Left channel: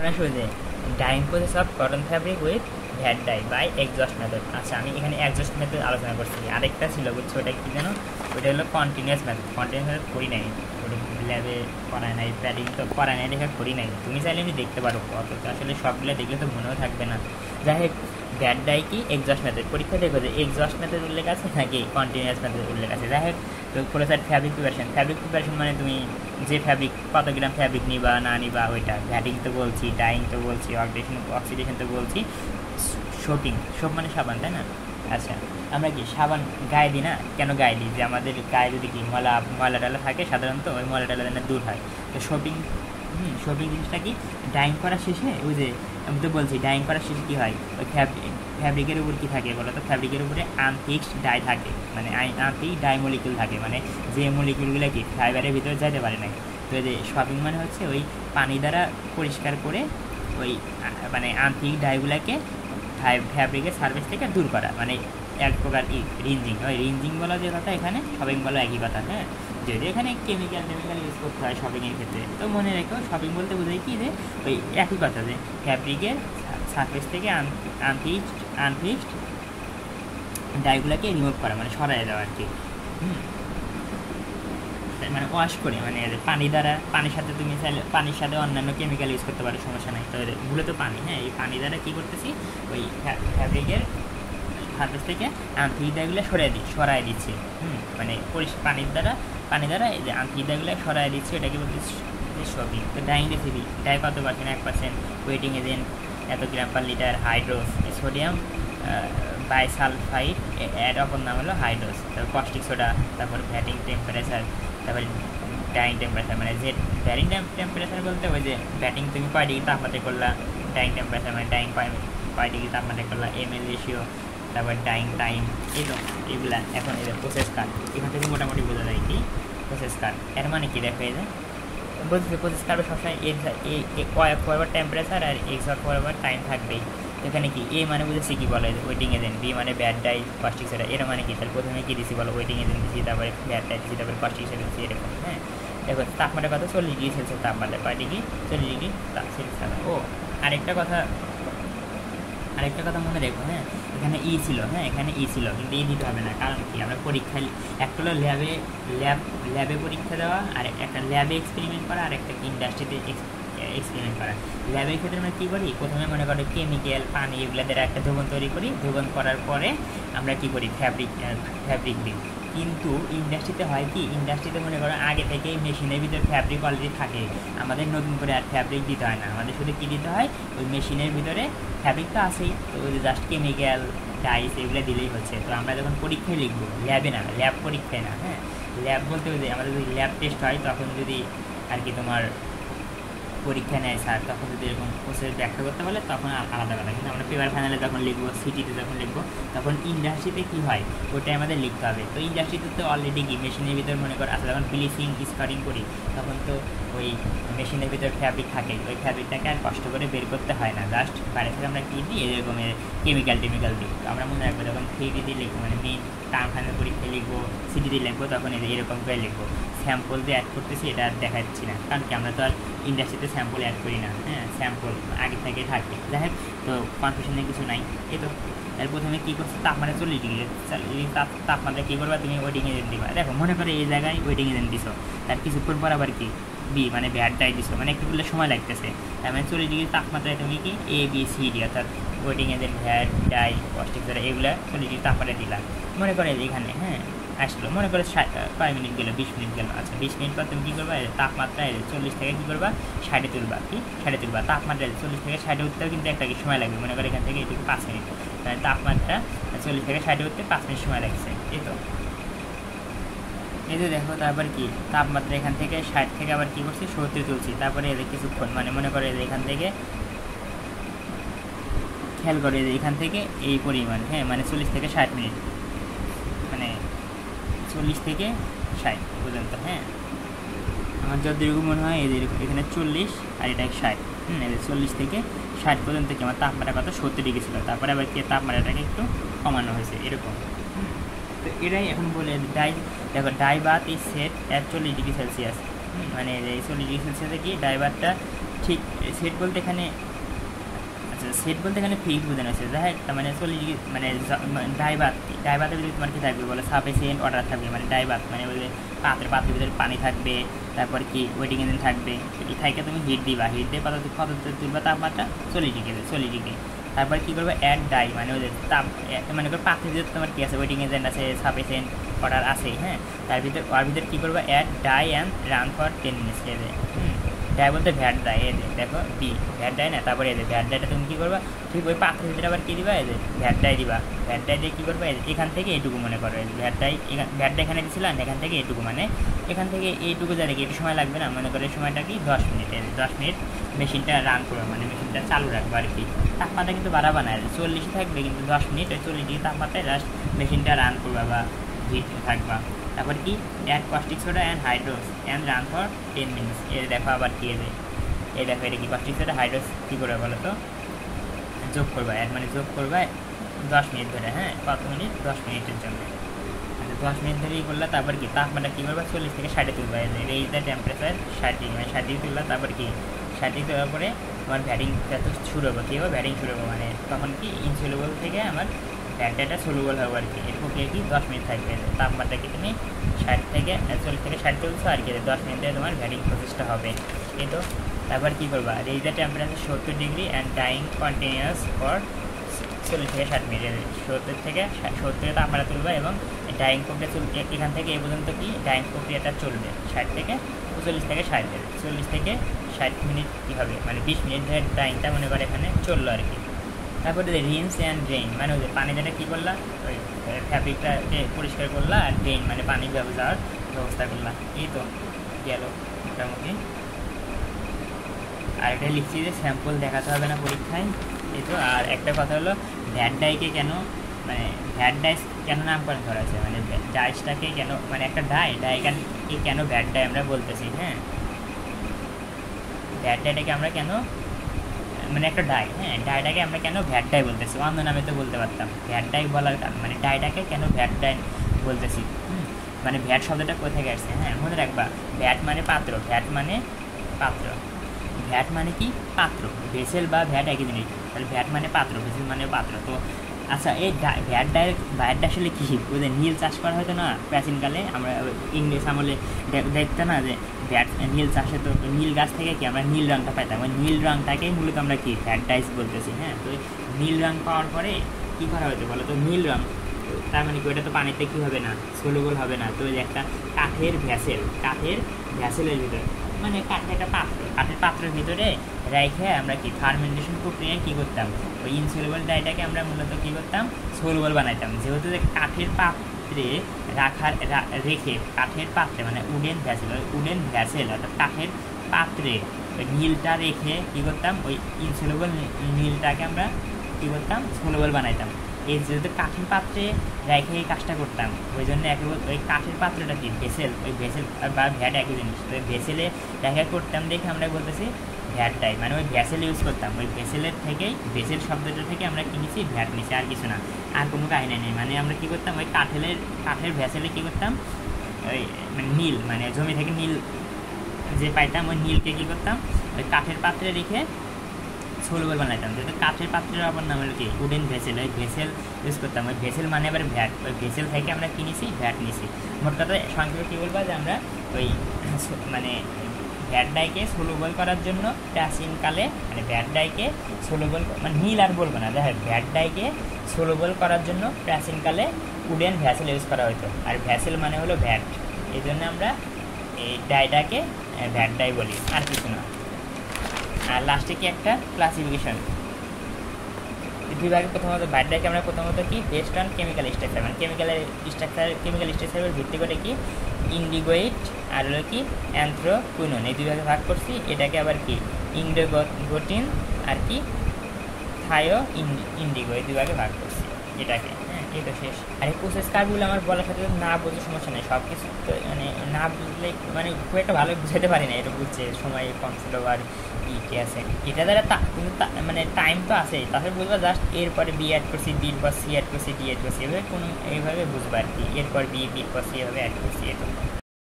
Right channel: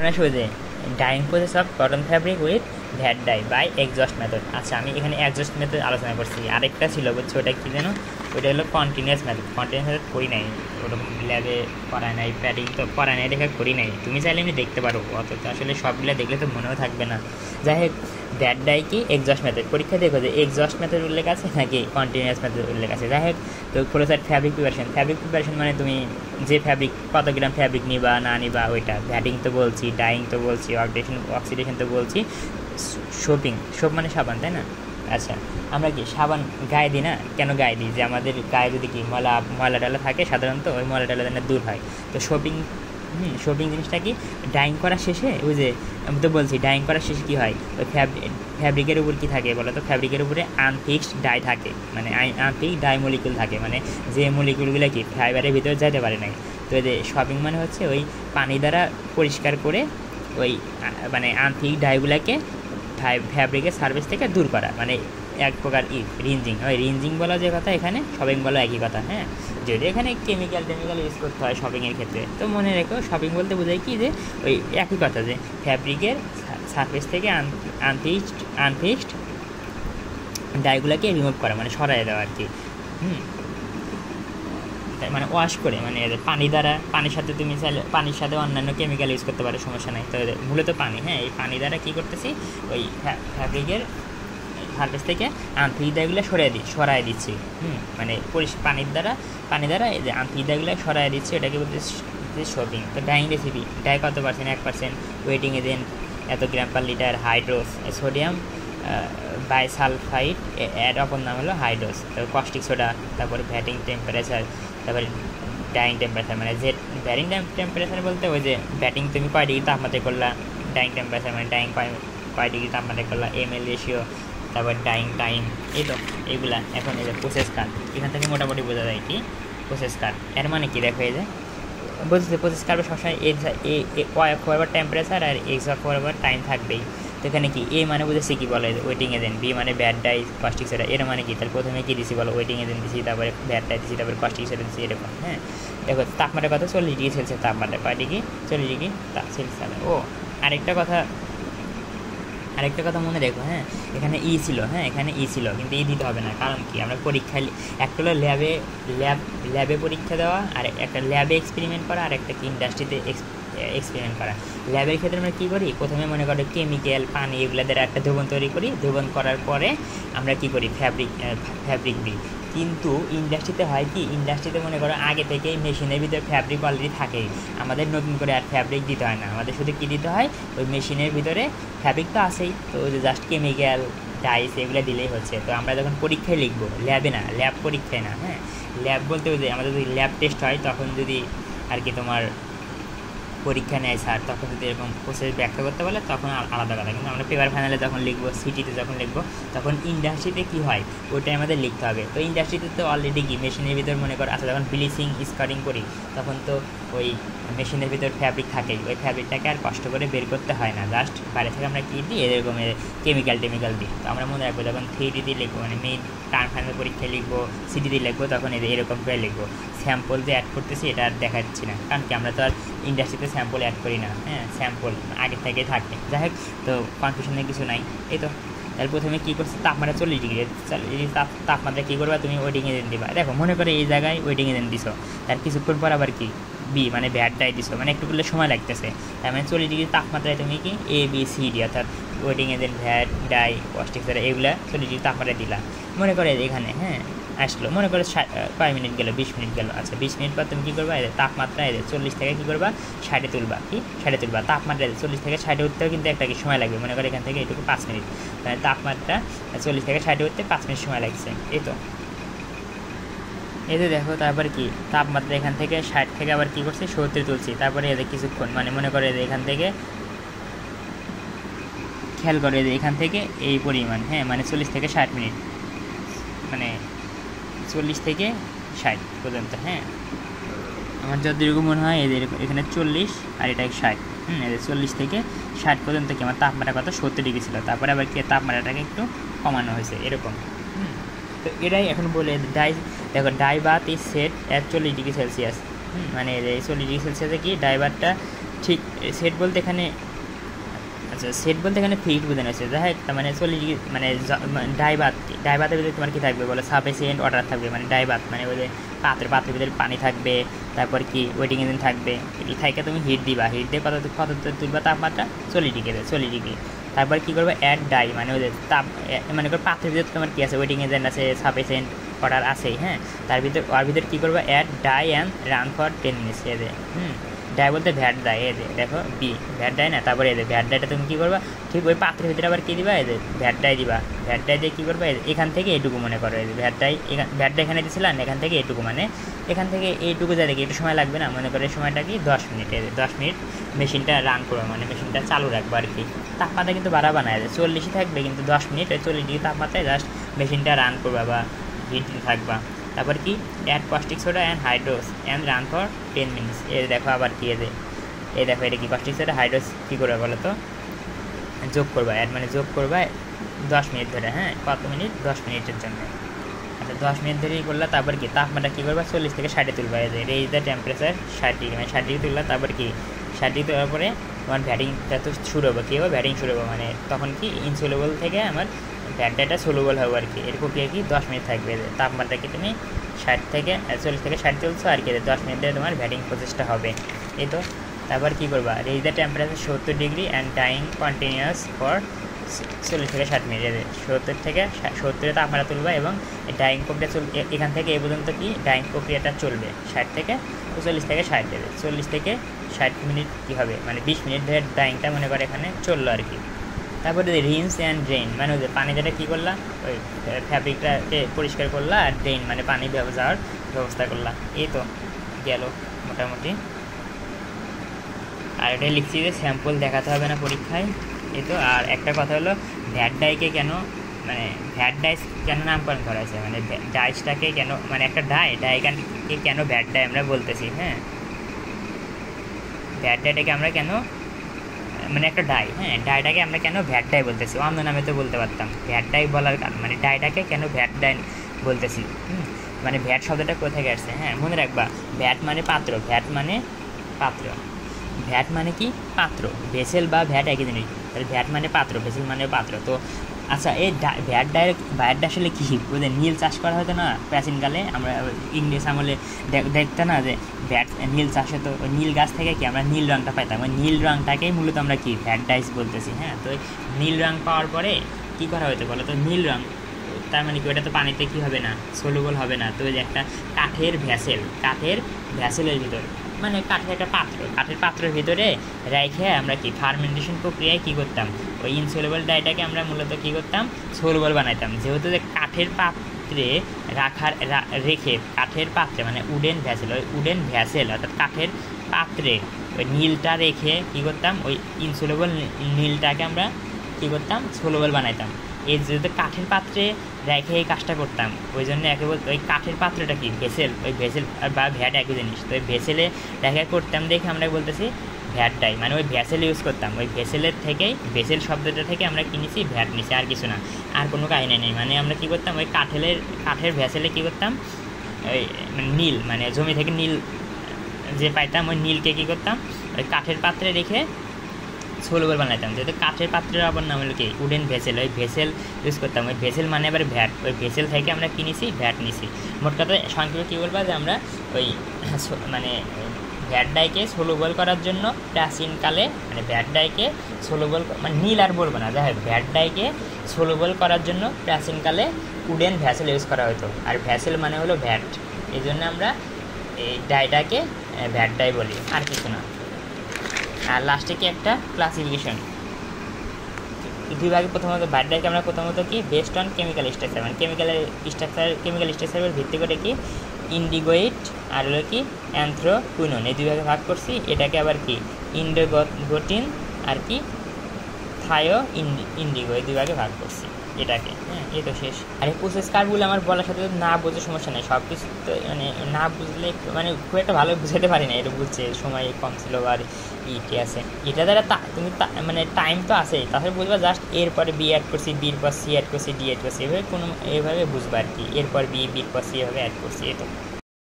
এখন আসবো যে dyeing process of cotton fabric with vat dye by exhaust method. আচ্ছা, আমি এখানে এক্সজস্ট মেথড আলোচনা করছি, আরেকটা ছিল বুঝছো, ওটা কি যেন, ওটা হলো কন্টিনিউয়াস মেথড। কন্টিনিউয়াস মেথড করি নাই, ওটা ল্যাবে করায় নাই, প্যাডিং তো করায় নাই দেখা করি নাই। তুমি চাইলে আমি দেখতে পারো, অত তো আসলে সবগুলো দেখলে তো মনেও থাকবে না। যাই হোক, ভ্যাট ডাই কি এক্সজস্ট মেথড, পরীক্ষা দেখো যে এক্সজস্ট মেথড উল্লেখ আছে নাকি কন্টিনিউয়াস মেথড উল্লেখ আছে। যাই হোক, তো closure fabric preparation. Fabric preparation মানে তুমি যে ফ্যাব্রিক, কত গ্রাম ফ্যাব্রিক নিবা না নিবা ওইটা, ভ্যাটিং তো বলছি, ডাইং তো বলছি, অক্সিডেশন তো বলছি, শোপিং, শোপ মানে সাবান, তাই না? আচ্ছা, আমরা কি সাবান গায়ে দিই না? কেন গায়ে দিই? যে আমাদের গায়ে যদি কি ময়লা ডালা থাকে সাধারণত, ওই ময়লা ডালা যেন দূর হয়। তো শোপিং, শোপিং জিনিসটা কি, ডাইং করার শেষে, ওই যে আমি তো বলছি ডাইং করার শেষে কী হয়, ওই ফ্যাব্রিকের উপর কী থাকে বলো তো? ফ্যাব্রিকের উপরে আনফিক্সড ডাই থাকে, মানে আনফিক্সড ডাই মলিকুল থাকে, মানে যে মলিকুলগুলো কি ফাইবারের ভিতরে যাইতে পারে না। তো যে শপিং মানে হচ্ছে ওই পানি দ্বারা পরিষ্কার করে ওই মানে আনফিক্সড ডাইগুলোকে ফ্যাব্রিকের সার্ভিস থেকে দূর করা, মানে এক প্রকার রিঞ্জিং। ওই রিঞ্জিং বলা যে কথা, এখানে শপিং বলা একই কথা। হ্যাঁ, যদি এখানে কেমিক্যাল ইউজ করতে হয় শপিংয়ের ক্ষেত্রে, তো মনে রেখো শপিং বলতে বোঝায় কি, যে ওই একই কথা, যে ফ্যাব্রিকের সার্ফেস থেকে আনফিক্সড ডাইগুলোকে রিমুভ করা, মানে সরাই দেওয়া আর কি। মানে ওয়াশ করে, মানে পানি দ্বারা, পানির সাথে তুমি চাইলে পানির সাথে অন্যান্য কেমিক্যাল ইউজ করতে পারো, সমস্যা নেই। তো মূলত পানি, হ্যাঁ, এই পানি দ্বারা কী করতেছি, ওই ফ্যাব্রিকের সার্ফেস থেকে আনফিক্সডগুলো সরাই দিচ্ছি। মানে পানি দ্বারা এই যে আনফিক্সডগুলো সরাই দিচ্ছি, ওটাকে বলতেছি শপিং। ডাইং রেসিপি, ডাই কত পার্সেন্ট? 1%, ওয়েটিং এজেন্ট এত গ্রাম পার লিটার, হাইড্রোস সোডিয়াম বাইসালফাইড, এর অপর নাম হলো হাইড্রোস, তারপর কস্টিক সোডা, তারপর ভ্যাটিং টেম্পারেচার, তারপরে ডাইং টেম্পারেচার, মানে যে ভ্যাটিং টেম্পারেচার বলতে ওই যে ব্যাটিং তুমি কয় ডিগ্রি তাপমাত্রা করলা, ডাইং টেম্পারেচার মানে ডাইং কয় ডিগ্রি তাপমাত্রা করলা, এমএল রেশিও, তারপর ডাইং টাইম, এই তো এইগুলা। এখন এই যে প্রসেস কার্ড, এখান থেকে মোটামুটি বোঝা যায় কি প্রসেস কার্ড এর মানে কি। দেখো এই যে বলছে প্রসেস কার্ডও সবসময় ওয়াই ফরওয়ার টেম্পারেচার আর এক্স ফরওয়ার টাইম থাকবেই। তো এখানে কি এ মানে বুঝেছি কি বলে ওয়েটিং এজেন্ট, বি মানে ব্যাড ডাই কস্টিক সোডা, এর মানে কি, তাহলে প্রথমে কি দিছি বলো, ওয়েটিং এজেন্ট দিছি, তারপরে ব্যাড ডাই দিছি, তারপরে কস্টিক সোডা দিছি, এরকম। হ্যাঁ, দেখো তাপমাত্রা কত, 40 ডিগ্রি সেলসিয়াস তাপমাত্রা, কয় ডিগ্রি, 40 ডিগ্রি সেলসিয়াস। ও আরেকটা কথা মনে রেখো, হ্যাঁ, এখানে ই ছিল, হ্যাঁ এখানে ই ছিল, কিন্তু ই দিতে হবে না, কারণ কি আমরা পরীক্ষায় একটা হলো ল্যাবে পরীক্ষা দেওয়া, আর একটা ল্যাবে এক্সপেরিমেন্ট করা, আর একটা কি ইন্ডাস্ট্রিতে এক্সপেরিমেন্ট করা। ল্যাবের ক্ষেত্রে আমরা কী করি, প্রথমে মনে করো কেমিক্যাল, পানি, এগুলো দ্বারা একটা ধোবন তৈরি করি, ধোবন করার পরে আমরা কী করি, ফ্যাব্রিক দিই। কিন্তু ইন্ডাস্ট্রিতে হয় কি, ইন্ডাস্ট্রিতে মনে করো আগে থেকেই মেশিনের ভিতরে ফ্যাব্রিক অলরেডি থাকে, আমাদের নতুন করে আর ফ্যাব্রিক দিতে হয় না, আমাদের শুধু কী দিতে হয়, ওই মেশিনের ভিতরে ফ্যাব্রিক তো আছেই, তো ওই যে জাস্ট কেমিক্যাল ডাইস এগুলো দিলেই হচ্ছে। তো আমরা যখন পরীক্ষায় লিখবো, ল্যাবে না, ল্যাব পরীক্ষায় না, হ্যাঁ, ল্যাব বলতে ওই যে আমাদের যদি ল্যাব টেস্ট হয়, তখন যদি আর কি তোমার পরীক্ষা নেয় স্যার, তখন যদি এরকম প্রসেস ব্যাখ্যা করতে পারলে তখন আলাদা কথা। কিন্তু আমরা পেপার ফাইনালে যখন লিখবো, সিটিতে যখন লিখবো, তখন ইন্ডাস্ট্রিতে কী হয় ওটাই আমাদের লিখতে হবে। তো ইন্ডাস্ট্রিতে তো অলরেডি কি মেশিনের ভিতর মনে করো আচ্ছা, যখন ব্লিচিং স্পারিং করি, তখন তো ওই মেশিনের ভিতর ফ্যাব্রিক থাকে, ওই ফ্যাব্রিকটাকে আর কষ্ট করে বের করতে হয় না, জাস্ট বাইরে থেকে আমরা কী দিই, এরকম কেমিক্যাল দিই। তো আমরা মনে রাখবো যখন 3D দিয়ে লিখবো, মানে মেইন টার্ম ফাইনাল পরীক্ষায় লিখবো, সিটি দিয়ে লিখবো, তখন এরকম করে লিখবো। স্যাম্পল যে অ্যাড করতেছি এটা আর দেখাচ্ছি না, কারণ কি আমরা তো আর ইন্ডাস্ট্রিতে স্যাম্পল অ্যাড করি না, হ্যাঁ, স্যাম্পল আগে থেকে থাকে। যাই হোক, তো কনফিউশনের কিছু নাই। এই তো তার প্রথমে কী করছে, তাপমাত্রা 40 ডিগ্রি, তাপমাত্রা কী করবা তুমি, ওয়েটিং এজেন্ট দিবা। দেখো মনে করে এই জায়গায় ওয়েটিং এজেন্ট দিছো, তার কিছুক্ষণ পর আবার কি বি মানে ব্যাড ডাই দিছো, মানে একটু করলে সময় লাগতেছে, তার মানে 40 ডিগ্রি তাপমাত্রায় তুমি কি এ বি সি ডি, অর্থাৎ waiting agent, VAT die caustic soda, এগুলো 40 ডিগ্রি তাপমাত্রা দিলাম। মনে করে এখানে হ্যাঁ আসলো, মনে করো কয় মিনিট গেলো, 20 মিনিট গেলো। আচ্ছা 20 মিনিট পর তুমি কী করবা, তাপমাত্রা 40 থেকে কী করবা 60 তুলবা, কি 60 তুলবা। তাপমাত্রা 40 থেকে 60 উঠতেও কিন্তু একটা কি সময় লাগবে, মনে করো এখান থেকে এটুকু 5 মিনিট, মানে তাপমাত্রা 40 থেকে 60 উঠতে 5 মিনিট সময় লাগছে। এই তো এতে দেখো, তারপর কি তাপমাত্রা এখান থেকে 60 থেকে আবার কী করছে 70 তুলছি, তারপরে এদের কিছুক্ষণ, মানে মনে করে এখান থেকে খেয়াল করে এখান থেকে এই পরিমাণ, হ্যাঁ মানে 40 থেকে 60 মিনিট, মানে 40 থেকে 60 পর্যন্ত। হ্যাঁ, আমার যতটুকু মনে হয় এদের এখানে 40 আর এটা 60, এদের 40 থেকে 60 পর্যন্ত কি আমার তাপমাত্রা কত 70 ডিগ্রি ছিল, তারপরে আবার কি তাপমাত্রাটাকে একটু কমানো হয়েছে এরকম। তো এটাই এখন বলে দেখো dye bath is set at 40 degree Celsius, মানে এই 40 ডিগ্রি সেলসিয়াসে কি ডাই বাথটা ঠিক সেট বলতে এখানে, আচ্ছা সেট বলতে এখানে ফিক্স বোঝানো হচ্ছে, যাই তার মানে 40 ডিগ্রি মানে ডাইবাতের ভিতরে তোমার কী থাকবে বলে সাফিসিয়েন্ট ওয়াটার থাকবে, মানে ডাইবাত মানে ওই যে পাত্রের ভিতরে পানি থাকবে, তারপর কি ওয়েটিং ইঞ্জিন থাকবে, এই থাকে তুমি হিট দিবা, হিট দিয়ে কত তুলবা তাপমাত্রা 40 ডিগ্রি। তারপর কী করবে অ্যাড ডাই, মানে ওই যে তাপ মানে পাত্রের ভিতরে তোমার কী আছে ওয়েটিং ইঞ্জিন আছে, সাফিসিয়েন্ট ওয়াটার আছে, হ্যাঁ তার ভিতরে কী করবে add dye and run for 10 minutes এদের। ডাই বলতে ভ্যাট ডাই, এদের দেখো বি ভ্যাট ডাই না, তারপরে এদের ভ্যাট ডাইটা তুমি কী করবা ঠিক ওই পাত্রের ভিতরে আবার কী দিবা এদের ভ্যাট ডাই দিবা, ভ্যাট ডাই দিয়ে কী করবে এখান থেকে এইটুকু মনে করো এদের ভ্যাট ডাই এখানে দিয়েছিলাম, এখান থেকে এইটুকু মানে এখান থেকে এইটুকু যা দেখি একটু সময় লাগবে না, মনে করে সময়টা কি 10 মিনিট, 10 মিনিট মেশিনটা রান করবে, মানে মেশিনটা চালু রাখবো আর কি। তাপমাত্রা কিন্তু বাড়াবা না, 40 থাকবে কিন্তু 10 মিনিট ওই 40 ডিগ্রি তাপমাত্রায় জাস্ট মেশিনটা রান করবা বা হিট থাকবা। তারপর কি add caustic soda and hydros and run for 10 minutes. এর দেখো আবার কি এদের এই দেখো এটা কি কস্টিক সোডা হাইড্রোস কী করবে বলো তো যোগ করবা, অ্যাড মানে যোগ করবা 10 মিনিট ধরে, হ্যাঁ কত মিনিট 10 মিনিটের জন্য। আচ্ছা 10 মিনিট ধরেই করলা, তারপর কি তাপমাত্রা কী করবা 40 থেকে 60 তুলবা, এই যে রেজ দ্য টেম্পারেচার 60 ডিগ্রি, মানে 60 ডিগ্রি তুললা, তারপর কি 60 ডিগ্রি তোলার পরে তোমার ভ্যাটিংটা তো শুরু হবে, কী হবে ভ্যাটিং শুরু হবে, মানে তখন কি ইনসোলেবল থেকে আমার ভ্যাটটা সোলুবল হবে আর কি। এর প্রক্রিয়া কি 10 মিনিট থাকবে, তাপমাত্রা কি তুমি 40 থেকে 60 চলছো আর কি, 10 মিনিটে তোমার ভ্যাটিং প্রসেসটা হবে এই তো। তারপর কী করবা raise the temperature 70 degree and time continuous for 40 থেকে 60 মিনিট, 70 থেকে 70 তাপমাত্রা তুলবা এবং ডাইং প্রক্রিয়া এখান থেকে এই পর্যন্ত কি ডাইং প্রক্রিয়াটা চলবে 60 থেকে 40 থেকে 60 দেবে, 40 থেকে 60 মিনিট কী হবে মানে 20 মিনিট ধরে ডাইংটা মনে করে এখানে চললো আর কি। তারপরে রিন্স অ্যান্ড ড্রেন, মানে ওই পানি যেটা কী করলাম ওই ফ্যাব্রিকটাকে পরিষ্কার করলা, আর ড্রেন মানে পানি যাওয়ার ব্যবস্থা করলাম এই তো গেল মোটামুটি। আর এটা লিখছি যে স্যাম্পল দেখাতে হবে না পরীক্ষায় এই তো। আর একটা কথা হলো ভ্যাট ডাইকে কেন মানে ভ্যাট ডাইস কেন নামকরণ করা হয়েছে, মানে ডাইসটাকে কেন মানে একটা ডাইকে কেন ভ্যাট ডাই আমরা বলতেছি, হ্যাঁ ভ্যাট ডাইটাকে আমরা কেন মানে একটা ডাই, হ্যাঁ ডাইটাকে আমরা কেন ভ্যাট ডাই বলতেছি, অন্য নামে তো বলতে পারতাম, ভ্যাট ডাই বলার কারণ মানে ডাইটাকে কেন ভ্যাট ডাই বলতেছি, মানে ভ্যাট শব্দটা কোথায় গেছে, হ্যাঁ মনে রাখবা ভ্যাট মানে পাত্র, ভ্যাট মানে পাত্র, ভ্যাট মানে কি পাত্র, ভেসেল বা ভ্যাট একই জিনিস, তাহলে ভ্যাট মানে পাত্র, ভেসেল মানে পাত্র। তো আচ্ছা এই ভ্যাটটা আসলে কী বুঝে নীল চাষ করা হতো না প্রাচীনকালে, আমরা ইংলিশ আমলে দেখতাম না যে ভ্যাট নীল চাষ হতো, নীল গাছ থেকে কি আমরা নীল রঙটা পাইতাম, ওই নীল রঙটাকেই মূলত আমরা কি ভ্যাট ডাইস বলতেছি, হ্যাঁ তো নীল রঙ পাওয়ার পরে কী করা হতো বলো তো নীল রঙ, তার মানে কি ওটা তো পানিতে কী হবে না সলুবল হবে না, তো ওই যে একটা কাঠের ভ্যাসেলের ভিতরে মানে কাঠের একটা কাঠের পাত্রের ভিতরে রেখে আমরা কি ফার্মেন্টেশন প্রক্রিয়ায় কী করতাম ওই ইনসোলেবল ডাইটাকে আমরা মূলত কী করতাম সলুবল বানাইতাম, যেহেতু যে কাঠের পাত্রে রেখে কাঠের পাত্রে মানে উডেন ভ্যাসেল অর্থাৎ কাঠের পাত্রে ওই নীলটা রেখে কী করতাম ওই ইনসোলেবল নীলটাকে আমরা কী করতাম সলুবল বানাইতাম। এই যদি কাঠের পাত্রে রেখে এই কাজটা করতাম ওই জন্য একেবারে ওই কাঠের পাত্রটা কি ভেসেল, ওই ভেসেল বা ভ্যাট একই জিনিস, তো ওই ভেসেলে রেখে করতাম দেখে আমরা বলতেছি ভ্যাট ডাই, মানে ওই ভেসেল ইউজ করতাম, ওই ভেসেলের থেকেই ভেসেল শব্দটা থেকে আমরা কিনেছি ভ্যাট নিছি, আর কিছু না, আর কোনো কাহিনী নেই। মানে আমরা কী করতাম ওই কাঠের ভেসেলে কী করতাম ওই মানে নীল মানে জমি থেকে নীল যে পাইতাম ওই নীলকে কী করতাম ওই কাঠের পাত্রে রেখে সলুবল বানাতাম, যেহেতু কাঠের পাত্রের আবার নাম হলো কি উডেন ভেসেল, ওই ভেসেল ইউজ করতাম, ওই ভেসেল মানে আবার ভ্যাট, ওই ভেসেল থেকে আমরা কিনেছি ভ্যাট নিছি। মোট কথা সংক্ষেপে কী বলবো যে আমরা ওই মানে ভ্যাট ডাইকে সলুবল করার জন্য প্রাচীনকালে মানে ভ্যাট ডাইকে সলুবল মানে নীল আর বলবো না, যাই হোক ভ্যাট ডাইকে সলুবল করার জন্য প্রাচীনকালে উডেন ভ্যাসেল ইউজ করা হতো, আর ভ্যাসেল মানে হলো ভ্যাট, এই জন্য আমরা এই ডাইটাকে ভ্যাট ডাই বলি, আর কিছু না। আর লাস্টে কি একটা ক্লাসিফিকেশন দুই ভাগে, প্রথমত ভ্যাট ডাইকে আমরা প্রথমত কি বেস্ট অন কেমিক্যাল স্ট্রাকচার মানে কেমিক্যাল স্ট্রাকচারের ভিত্তি করে কি ইন্ডিগোইড আর হলো কি অ্যান্থ্রোকুইনন এই দুই ভাগে ভাগ করছি। এটাকে আবার কি ইন্ডিগোটিন আর কি থায়ো ইন্ডিগো এই দুই ভাগে ভাগ করছি এটাকে, হ্যাঁ এই তো শেষ। আর এই প্রসেস কার্ভগুলো আমার বলার সাথে না বুঝে সমস্যা নেই, সব কিছু মানে না বুঝলে মানে খুব একটা ভালো বুঝাতে পারি না, এটা বুঝছে সময় কম ছিল আর ইটি আছে, এটা দ্বারা তুমি মানে টাইম তো আছেই, তাহলে বুঝবা জাস্ট এরপরে বি অ্যাড করছি, বির পর সি অ্যাড করছি, ডি অ্যাড করছি, এভাবে এইভাবে বুঝবা আর কি, এরপর বির পর সি এভাবে অ্যাড করছি এই তো।